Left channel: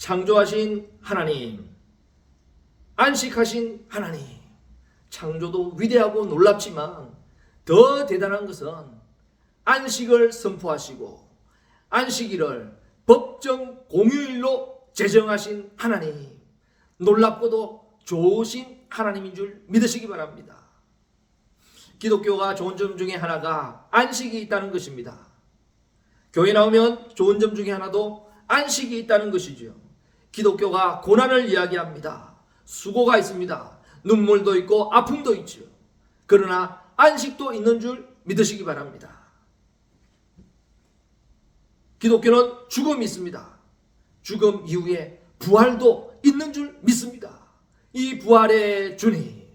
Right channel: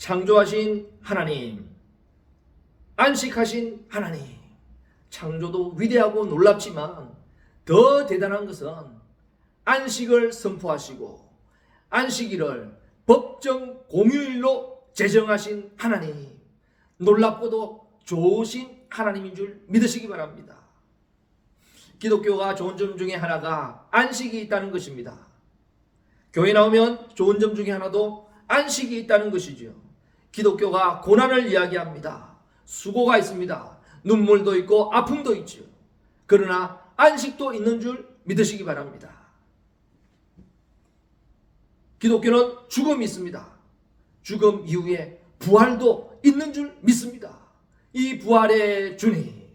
창조하신 하나님, 안식하신 하나님. 창조도 위대하고 놀랍지만 더 대단한 것은 안식을 선포하시고 안식일을 법정 공휴일로 제정하신 하나님, 놀랍고도 좋으신 하나님인 줄 믿으시기 바랍니다. 기독교가 좋은 점 중에 하나가 안식이 있다는 것입니다. 교회 나오면 좋은 점 중에 하나도 안식이 있다는 것이죠. 기독교가 고난을 이야기합니다. 수고가 있습니다. 눈물도 있고 아픔도 있죠. 그러나 안식도 있는 줄 믿으시기 바랍니다. 기독교는 죽음이 있습니다. 죽음 이후에 부활도 있는 줄 믿습니다. 이 부활의 주님,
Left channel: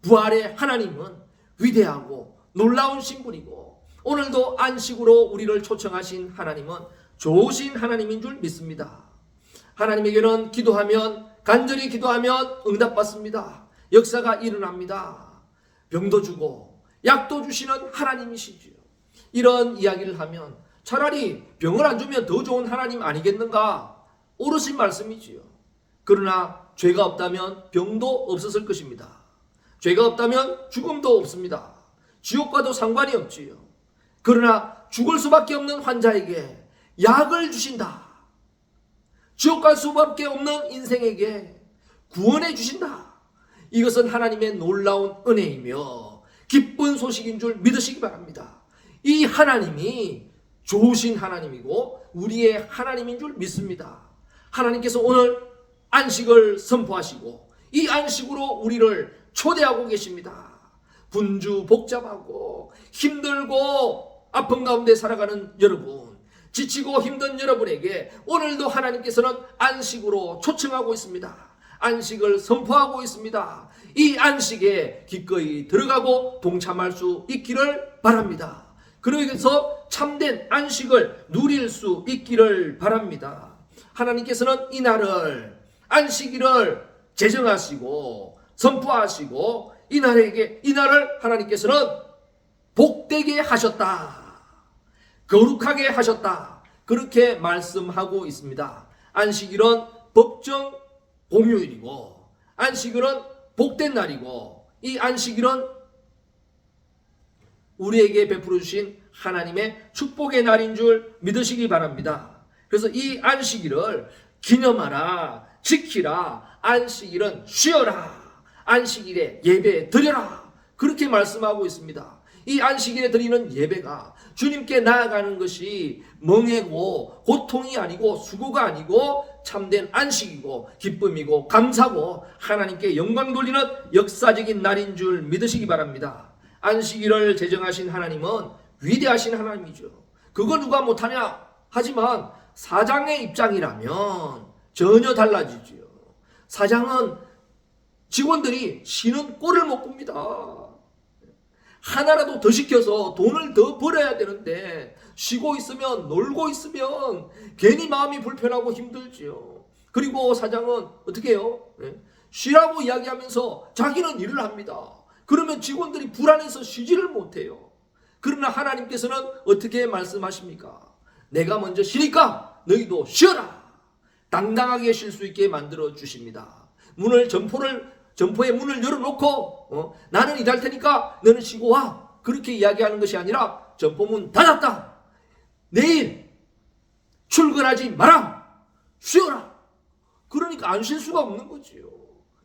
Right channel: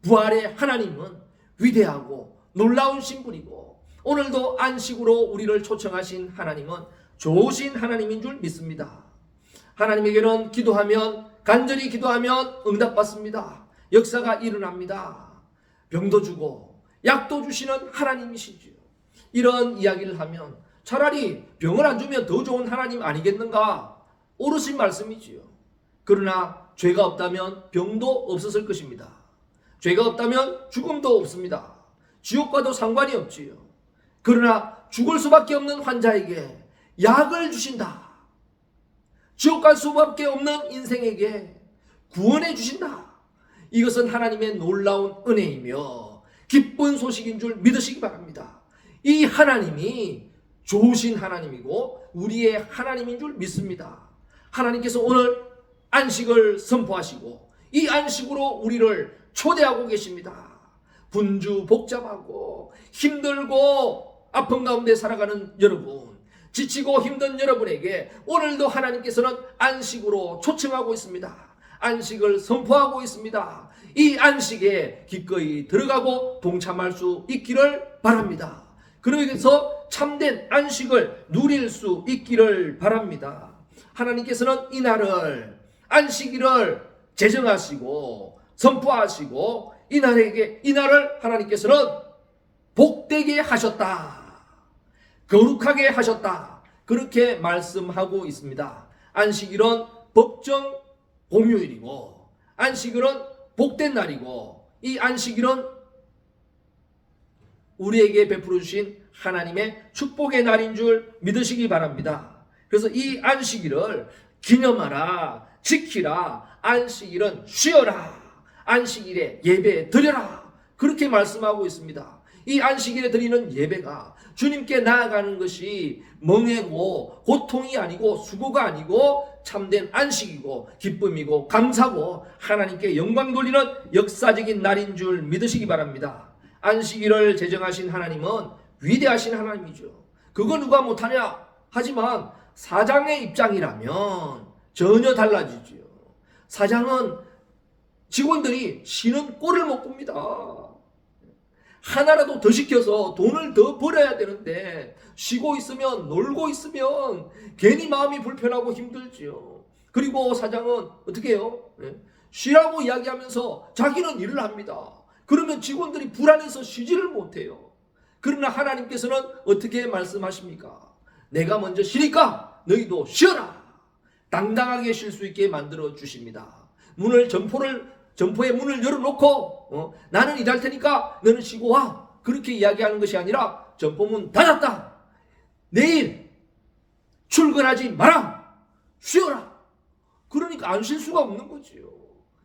부활의 하나님은 위대하고 놀라운 신분이고 오늘도 안식으로 우리를 초청하신 하나님은 좋으신 하나님인 줄 믿습니다. 하나님에게는 기도하면, 간절히 기도하면 응답받습니다. 역사가 일어납니다. 병도 주고 약도 주시는 하나님이시죠. 이런 이야기를 하면 차라리 병을 안 주면 더 좋은 하나님 아니겠는가? 옳으신 말씀이지요. 그러나 죄가 없다면 병도 없었을 것입니다. 죄가 없다면 죽음도 없습니다. 지옥과도 상관이 없지요. 그러나 죽을 수밖에 없는 환자에게 약을 주신다. 지옥 갈 수밖에 없는 인생에게 구원해 주신다. 이것은 하나님의 놀라운 은혜이며 기쁜 소식인 줄 믿으시기 바랍니다. 이 하나님이 좋으신 하나님이고 우리의 하나님인 줄 믿습니다. 하나님께서 오늘 안식을 선포하시고 이 안식으로 우리를 초대하고 계십니다. 분주 복잡하고 힘들고 아픈 가운데 살아가는 여러분, 지치고 힘든 여러분에게 오늘도 하나님께서는 안식으로 초청하고 있습니다. 안식을 선포하고 있습니다. 이 안식에 기꺼이 들어가고 동참할 수 있기를 바랍니다. 그래서 참된 안식을 누릴 수 있기를 바랍니다. 하나님께서는 이 날을, 안식일을 제정하시고 선포하시고 이 날을 하나님께서는 복되게 하셨다. 거룩하게 하셨다. 그렇게 말씀하고 있습니다. 안식일은 법정 공휴일이고 안식일은 복된 날이고 이 안식일은 우리에게 베풀어 주신 하나님의 축복의 날인 줄 믿으시기 바랍니다. 그래서 이 안식일을 기념하라, 지키라, 안식일은 쉬어라, 안식일에 예배 드려라, 그렇게 말씀하고 있습니다. 이 안식일에 드리는 예배가 주님께 나아가는 것이 멍해고 고통이 아니고 수고가 아니고 참된 안식이고 기쁨이고 감사고 하나님께 영광 돌리는 역사적인 날인 줄 믿으시기 바랍니다. 안식일을 제정하신 하나님은 위대하신 하나님이죠. 그거 누가 못하냐? 하지만 사장의 입장이라면 전혀 달라지죠. 사장은 직원들이 쉬는 꼴을 못 봅니다. 하나라도 더 시켜서 돈을 더 벌어야 되는데 쉬고 있으면, 놀고 있으면 괜히 마음이 불편하고 힘들지요. 그리고 사장은 어떻게 해요? 쉬라고 이야기하면서 자기는 일을 합니다. 그러면 직원들이 불안해서 쉬지를 못해요. 그러나 하나님께서는 어떻게 말씀하십니까? 내가 먼저 쉬니까 너희도 쉬어라. 당당하게 쉴 수 있게 만들어 주십니다. 점포의 문을 열어놓고 나는 일할 테니까 너는 쉬고 와. 그렇게 이야기하는 것이 아니라 점포문 닫았다. 내일 출근하지 마라. 쉬어라. 그러니까 안 쉴 수가 없는 거지요.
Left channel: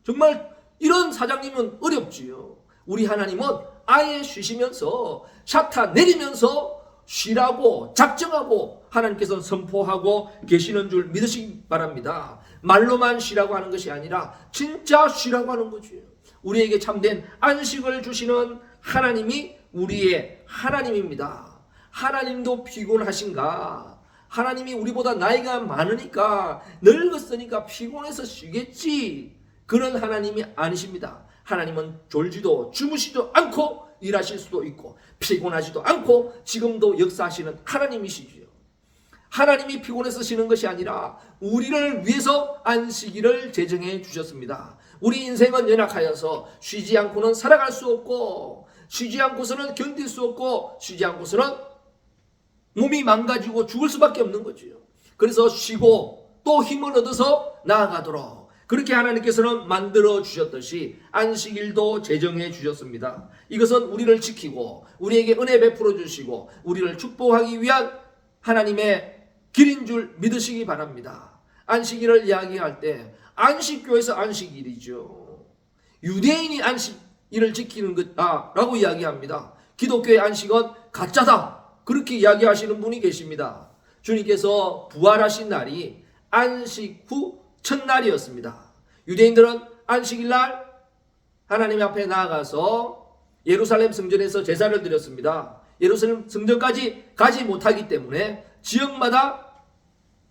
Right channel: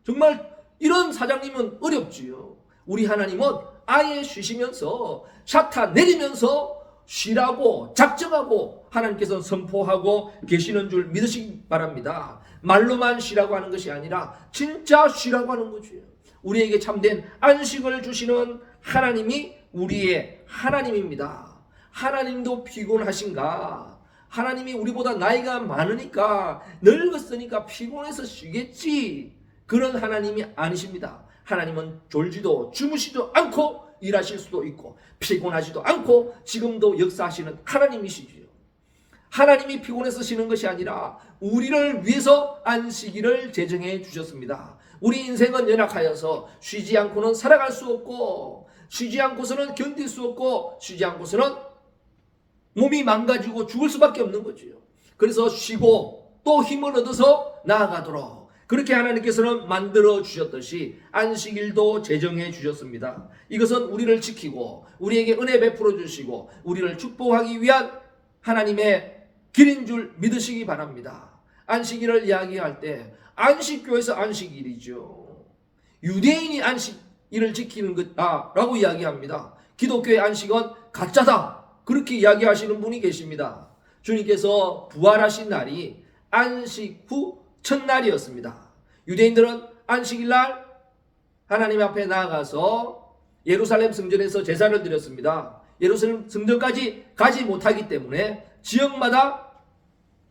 정말 이런 사장님은 어렵지요. 우리 하나님은 아예 쉬시면서 샤타 내리면서 쉬라고 작정하고 하나님께서 선포하고 계시는 줄 믿으시기 바랍니다. 말로만 쉬라고 하는 것이 아니라 진짜 쉬라고 하는 거죠. 우리에게 참된 안식을 주시는 하나님이 우리의 하나님입니다. 하나님도 피곤하신가? 하나님이 우리보다 나이가 많으니까 늙었으니까 피곤해서 쉬겠지. 그런 하나님이 아니십니다. 하나님은 졸지도 주무시지도 않고 일하실 수도 있고 피곤하지도 않고 지금도 역사하시는 하나님이시지요. 하나님이 피곤해서 쉬는 것이 아니라 우리를 위해서 안식일을 제정해 주셨습니다. 우리 인생은 연약하여서 쉬지 않고는 살아갈 수 없고 쉬지 않고서는 견딜 수 없고 쉬지 않고서는 몸이 망가지고 죽을 수밖에 없는 거지요. 그래서 쉬고 또 힘을 얻어서 나아가도록 그렇게 하나님께서는 만들어 주셨듯이 안식일도 제정해 주셨습니다. 이것은 우리를 지키고 우리에게 은혜 베풀어 주시고 우리를 축복하기 위한 하나님의 길인 줄 믿으시기 바랍니다. 안식일을 이야기할 때 안식교에서 안식일이죠. 유대인이 안식일을 지키는 것다라고 이야기합니다. 기독교의 안식은 가짜다 그렇게 이야기하시는 분이 계십니다. 주님께서 부활하신 날이 안식 후 첫날이었습니다. 유대인들은 안식일날 하나님 앞에 나아가서 예루살렘 성전에서 제사를 드렸습니다. 예루살렘 성전까지 가지 못하기 때문에 지역마다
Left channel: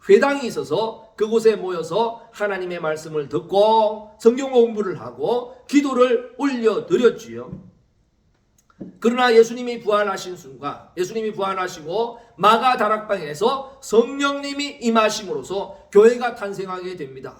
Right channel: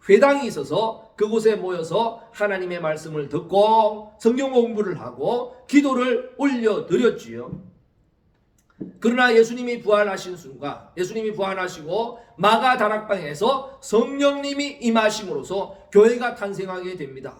회당이 있어서 그곳에 모여서 하나님의 말씀을 듣고 성경 공부를 하고 기도를 올려드렸지요. 그러나 예수님이 부활하신 순간 예수님이 부활하시고 마가 다락방에서 성령님이 임하심으로써 교회가 탄생하게 됩니다.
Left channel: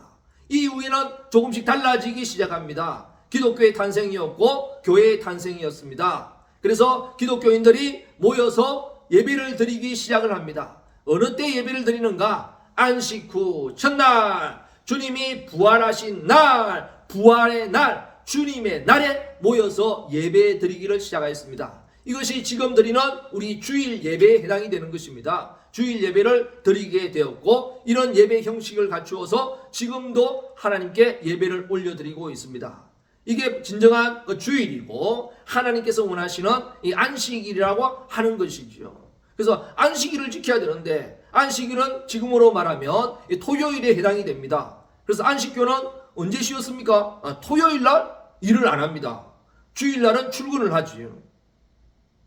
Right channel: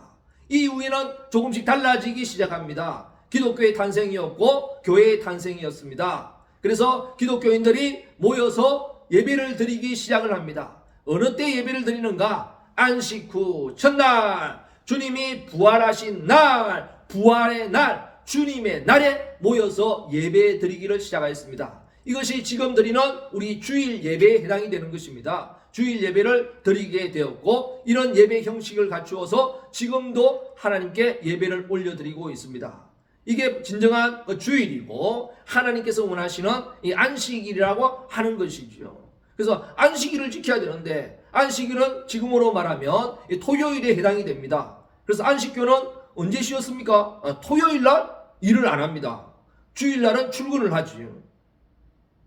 이후에는 조금씩 달라지기 시작합니다. 기독교의 탄생이었고 교회의 탄생이었습니다. 그래서 기독교인들이 모여서 예배를 드리기 시작을 합니다. 어느 때 예배를 드리는가? 안식 후 첫날 주님이 부활하신 날 부활의 날 주님의 날에 모여서 예배 드리기를 시작하였습니다. 이것이 지금 드리는 우리 주일 예배에 해당이 되는 것입니다. 주일 예배를 드리게 되었고 이런 예배 형식을 갖추어서 지금도 하나님께 예배를 올려드리고 있습니다. 이게 진정한 주일이고 하나님께서 원하시는 이 안식일이라고 하는 것이죠. 그래서 안식일을 지켜야 되는데 안식일은 지금으로 말하면 토요일에 해당이 됩니다. 그래서 안식교는 언제 쉬었습니까? 토요일날 일을 안 합니다. 주일날은 출근을 하지요.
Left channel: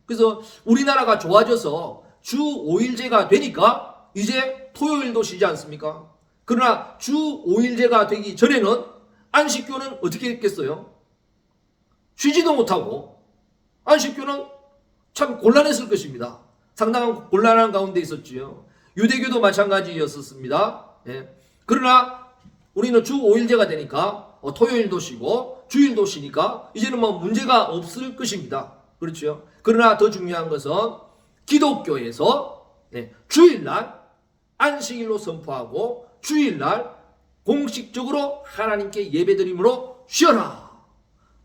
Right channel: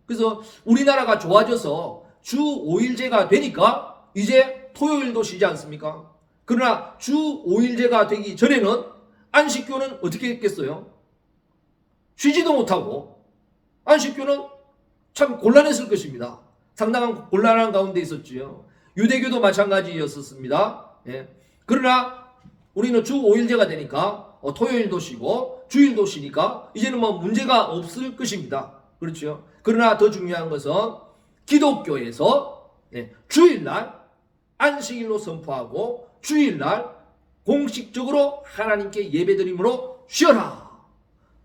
그래서 우리나라가 좋아져서 주 5일제가 되니까 이제 토요일도 쉬지 않습니까? 그러나 주 5일제가 되기 전에는 안식교는 어떻게 했겠어요? 쉬지도 못하고 안식교는 참 곤란했을 것입니다. 상당한 곤란한 가운데 있었지요. 유대교도 마찬가지였었습니다. 예. 그러나 우리는 주 5일제가 되니까 토요일도 쉬고 주일도 쉬니까 이제는 뭐 문제가 없을 것입니다. 그렇죠? 그러나 더 중요한 것은 기독교에서 주일날 안식일로 선포하고 주일날 공식적으로 하나님께 예배드림으로 쉬어라.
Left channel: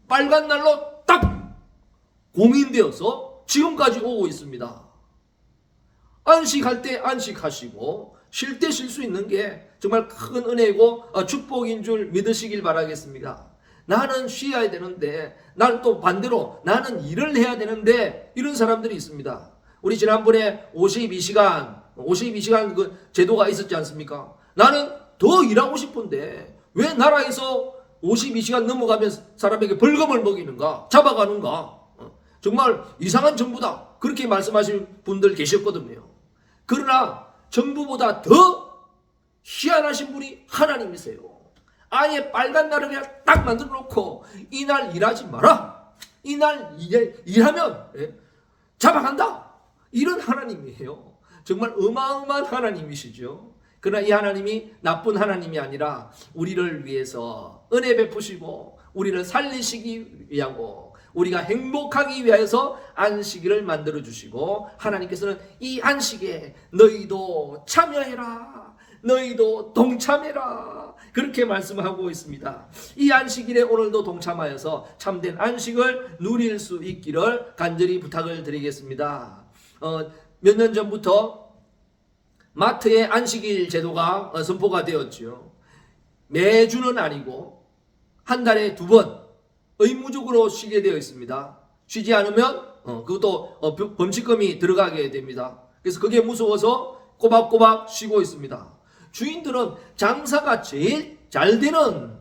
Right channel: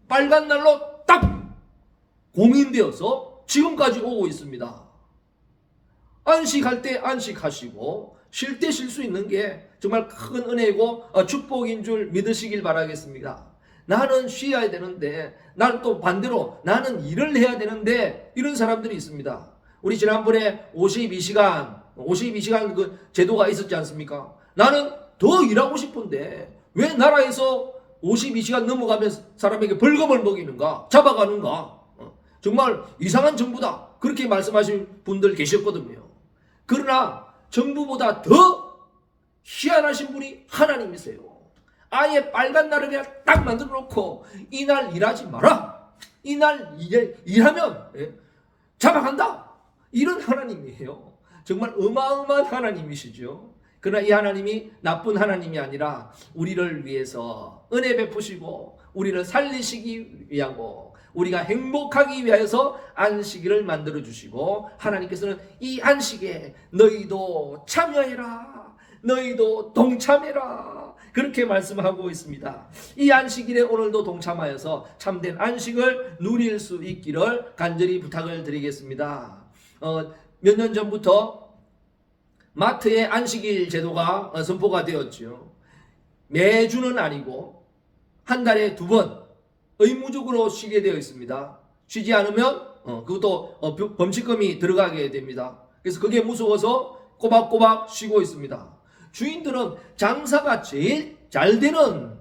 빨간 날로 딱 공인되어서 지금까지 오고 있습니다. 안식할 때 안식하시고 쉴 때 쉴 수 있는 게 정말 큰 은혜고 축복인 줄 믿으시길 바라겠습니다. 나는 쉬어야 되는데 난 또 반대로 나는 일을 해야 되는데 이런 사람들이 있습니다. 우리 지난번에 52시간 그 제도가 있었지 않습니까? 나는 더 일하고 싶은데 왜 나라에서 52시간 넘어가면 사람에게 벌금을 먹이는가? 잡아가는가? 정말 이상한 정부다. 그렇게 말씀하신 분들 계셨거든요. 그러나 정부보다 더 희한하신 분이 하나님이세요. 아예 빨간 날을 그냥 딱 만들어 놓고 이날 일하지 마라. 이날 일하면 잡아간다. 이런 하나님이에요. 정말 어마어마한 하나님이시죠. 그러나 이 하나님이 나쁜 하나님이 아니라 우리를 위해서 은혜 베푸시고 우리를 살리시기 위하고 우리가 행복하기 위해서 안식일을 만들어 주시고 하나님께서는 이 안식에 너희도 참여해라. 너희도 동참해라. 그렇게 말씀하고 있습니다. 이 안식일에 오늘도 동참하여서 참된 안식을 누릴 수 있기를 간절히 부탁을 드리겠습니다. 몇 년 전부터 마트의 안식일 제도가 선포가 되었죠. 매주는 아니고 한 달에 2번 의무적으로 쉬게 되어 있습니다. 쉬지 않으면 그것도 범칙금이 들어가게 됩니다. 그래서 그게 무서워서 꼬박꼬박 쉬고 있습니다. 주인들은 장사가 제일 잘 되는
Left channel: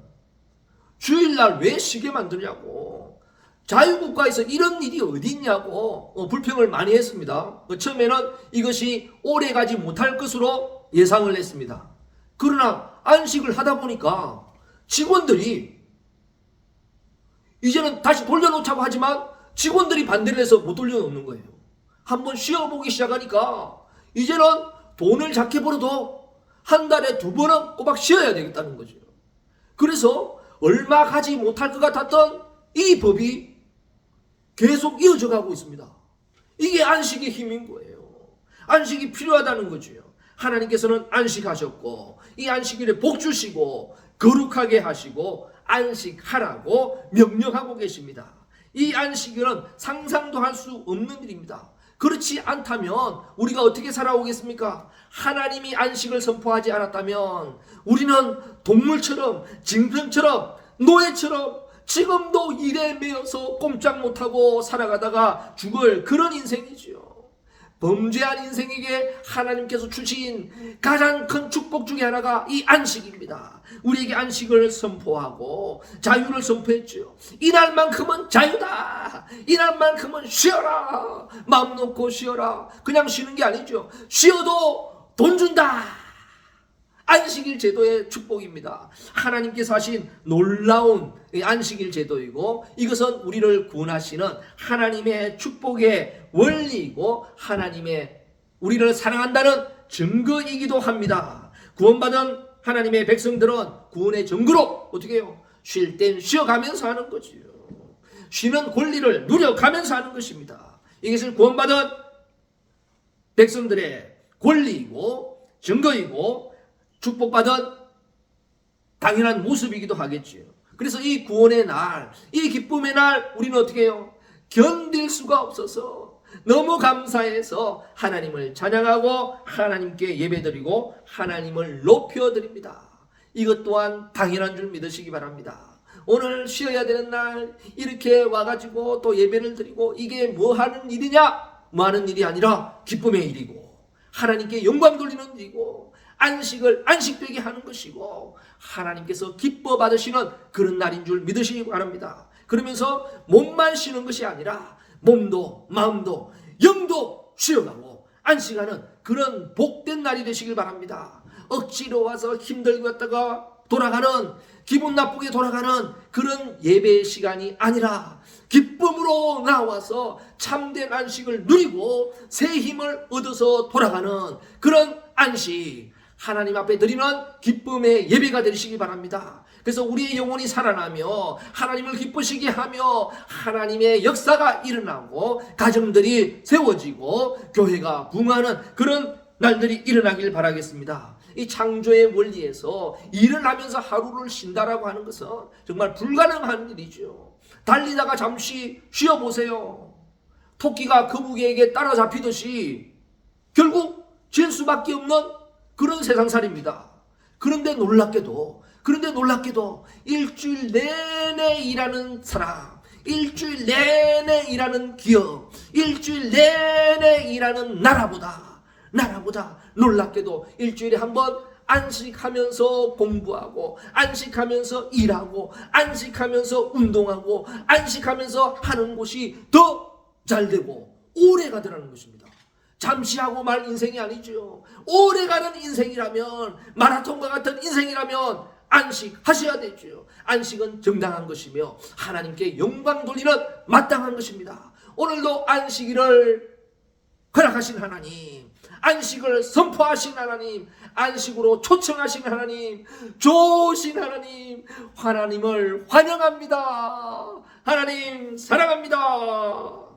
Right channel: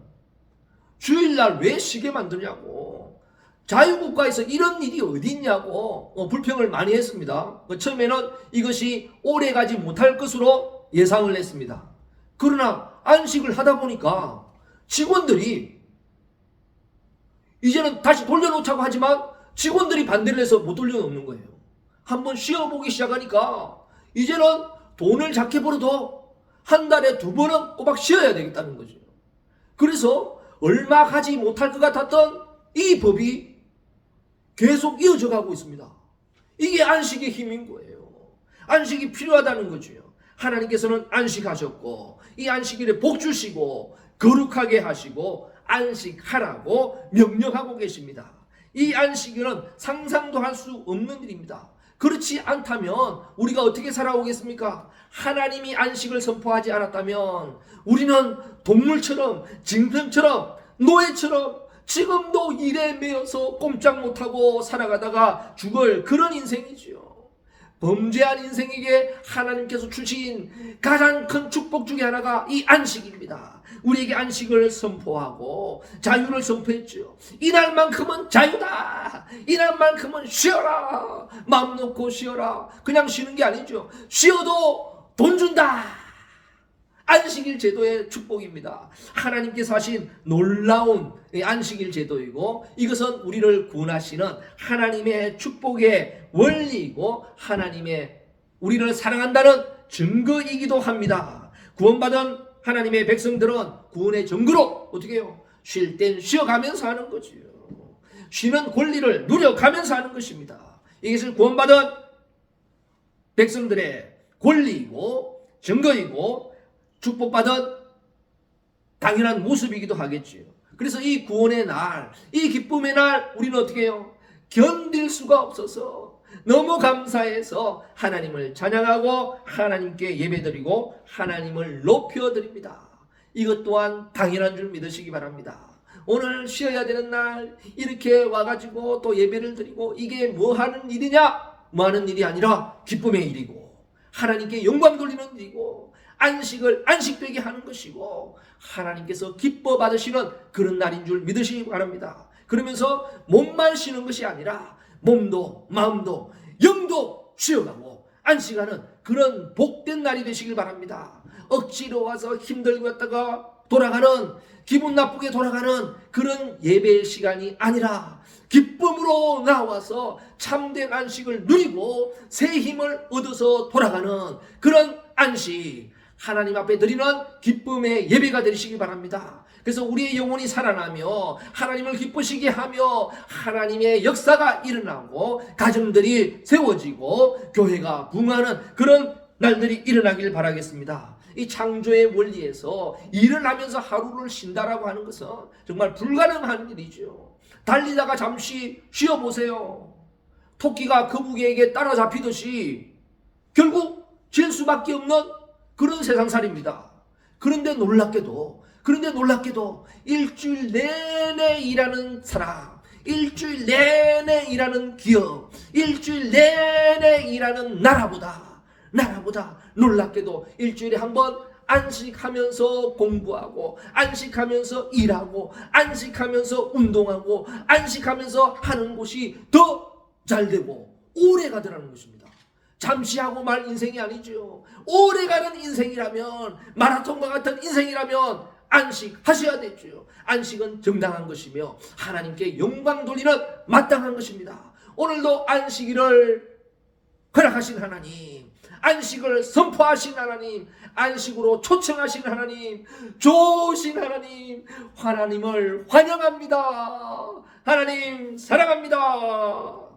주일날 왜 쉬게 만드냐고, 자유국가에서 이런 일이 어디 있냐고 불평을 많이 했습니다. 처음에는 이것이 오래가지 못할 것으로 예상을 했습니다. 그러나 안식을 하다 보니까 직원들이 이제는 다시 돌려놓자고 하지만 직원들이 반대를 해서 못 돌려놓는 거예요. 한번 쉬어보기 시작하니까 이제는 돈을 작게 벌어도 한 달에 2번은 꼬박 쉬어야 되겠다는 거죠. 그래서 얼마 가지 못할 것 같았던 이 법이 계속 이어져 가고 있습니다. 이게 안식의 힘인 거예요. 안식이 필요하다는 거죠. 하나님께서는 안식하셨고 이 안식일에 복 주시고 거룩하게 하시고 안식하라고 명령하고 계십니다. 이 안식일은 상상도 할 수 없는 일입니다. 그렇지 않다면 우리가 어떻게 살아오겠습니까? 하나님이 안식을 선포하지 않았다면 우리는 동물처럼, 짐승처럼, 노예처럼 지금도 일에 매여서 꼼짝 못하고 살아가다가 죽을 그런 인생이지요. 범죄한 인생에게 하나님께서 주신 가장 큰 축복 중에 하나가 이 안식입니다. 우리에게 안식을 선포하고 자유를 선포했죠. 이날만큼은 자유다. 이날만큼은 쉬어라. 마음 놓고 쉬어라. 그냥 쉬는 게 아니죠. 쉬어도 돈 준다. 안식일 제도의 축복입니다. 하나님께서 하신 놀라운 안식일 제도이고 이것은 우리를 구원하시는 하나님의 축복의 원리이고 하나님의 우리를 사랑한다는 증거이기도 합니다. 구원받은 하나님의 백성들은 구원의 증거로 어떻게 해요? 쉴 땐 쉬어가면서 하는 거지요. 쉬는 권리를 누려가면서 하는 것입니다. 이것을 구원받은 백성들의 권리이고 증거이고 축복받은 당연한 모습이기도 하겠지요. 그래서 이 구원의 날, 이 기쁨의 날 우리는 어떻게 해요? 견딜 수가 없어서 너무 감사해서 하나님을 찬양하고 하나님께 예배드리고 하나님을 높여드립니다. 이것 또한 당연한 줄 믿으시기 바랍니다. 오늘 쉬어야 되는 날 이렇게 와가지고 또 예배를 드리고 이게 뭐 하는 일이냐? 뭐 하는 일이 아니라 기쁨의 일이고 하나님께 영광 돌리는 일이고 안식을 안식되게 하는 것이고 하나님께서 기뻐 받으시는 그런 날인 줄 믿으시기 바랍니다. 그러면서 몸만 쉬는 것이 아니라 몸도 마음도 영도 쉬어가고 안식하는 그런 복된 날이 되시길 바랍니다. 억지로 와서 힘들게 왔다가 돌아가는 기분 나쁘게 돌아가는 그런 예배 시간이 아니라 기쁨으로 나와서 참된 안식을 누리고 새 힘을 얻어서 돌아가는 그런 안식 하나님 앞에 드리는 기쁨의 예배가 되시기 바랍니다. 그래서 우리의 영혼이 살아나며 하나님을 기쁘시게 하며 하나님의 역사가 일어나고 가정들이 세워지고 교회가 부흥하는 그런 날들이 일어나길 바라겠습니다. 이 창조의 원리에서 일을 하면서 하루를 쉰다라고 하는 것은 정말 불가능한 일이죠. 달리다가 잠시 쉬어보세요. 토끼가 거북이에게 따라잡히듯이 결국 질 수밖에 없는 그런 세상살입니다. 그런데 놀랍게도 일주일 내내 일하는 사람, 일주일 내내 일하는 기업, 일주일 내내 일하는 나라보다 놀랍게도 일주일에 한 번 안식하면서 공부하고 안식하면서 일하고 안식하면서 운동하고 안식하면서 하는 곳이 더 잘되고 오래 가더라는 것입니다. 잠시 하고 말 인생이 아니죠. 오래가는 인생이라면 마라톤과 같은 인생이라면 안식하셔야 되죠. 안식은 정당한 것이며 하나님께 영광 돌리는 마땅한 것입니다. 오늘도 안식일을 허락하신 하나님, 안식을 선포하신 하나님, 안식으로 초청하신 하나님, 좋으신 하나님, 하나님을 환영합니다. 하나님 사랑합니다.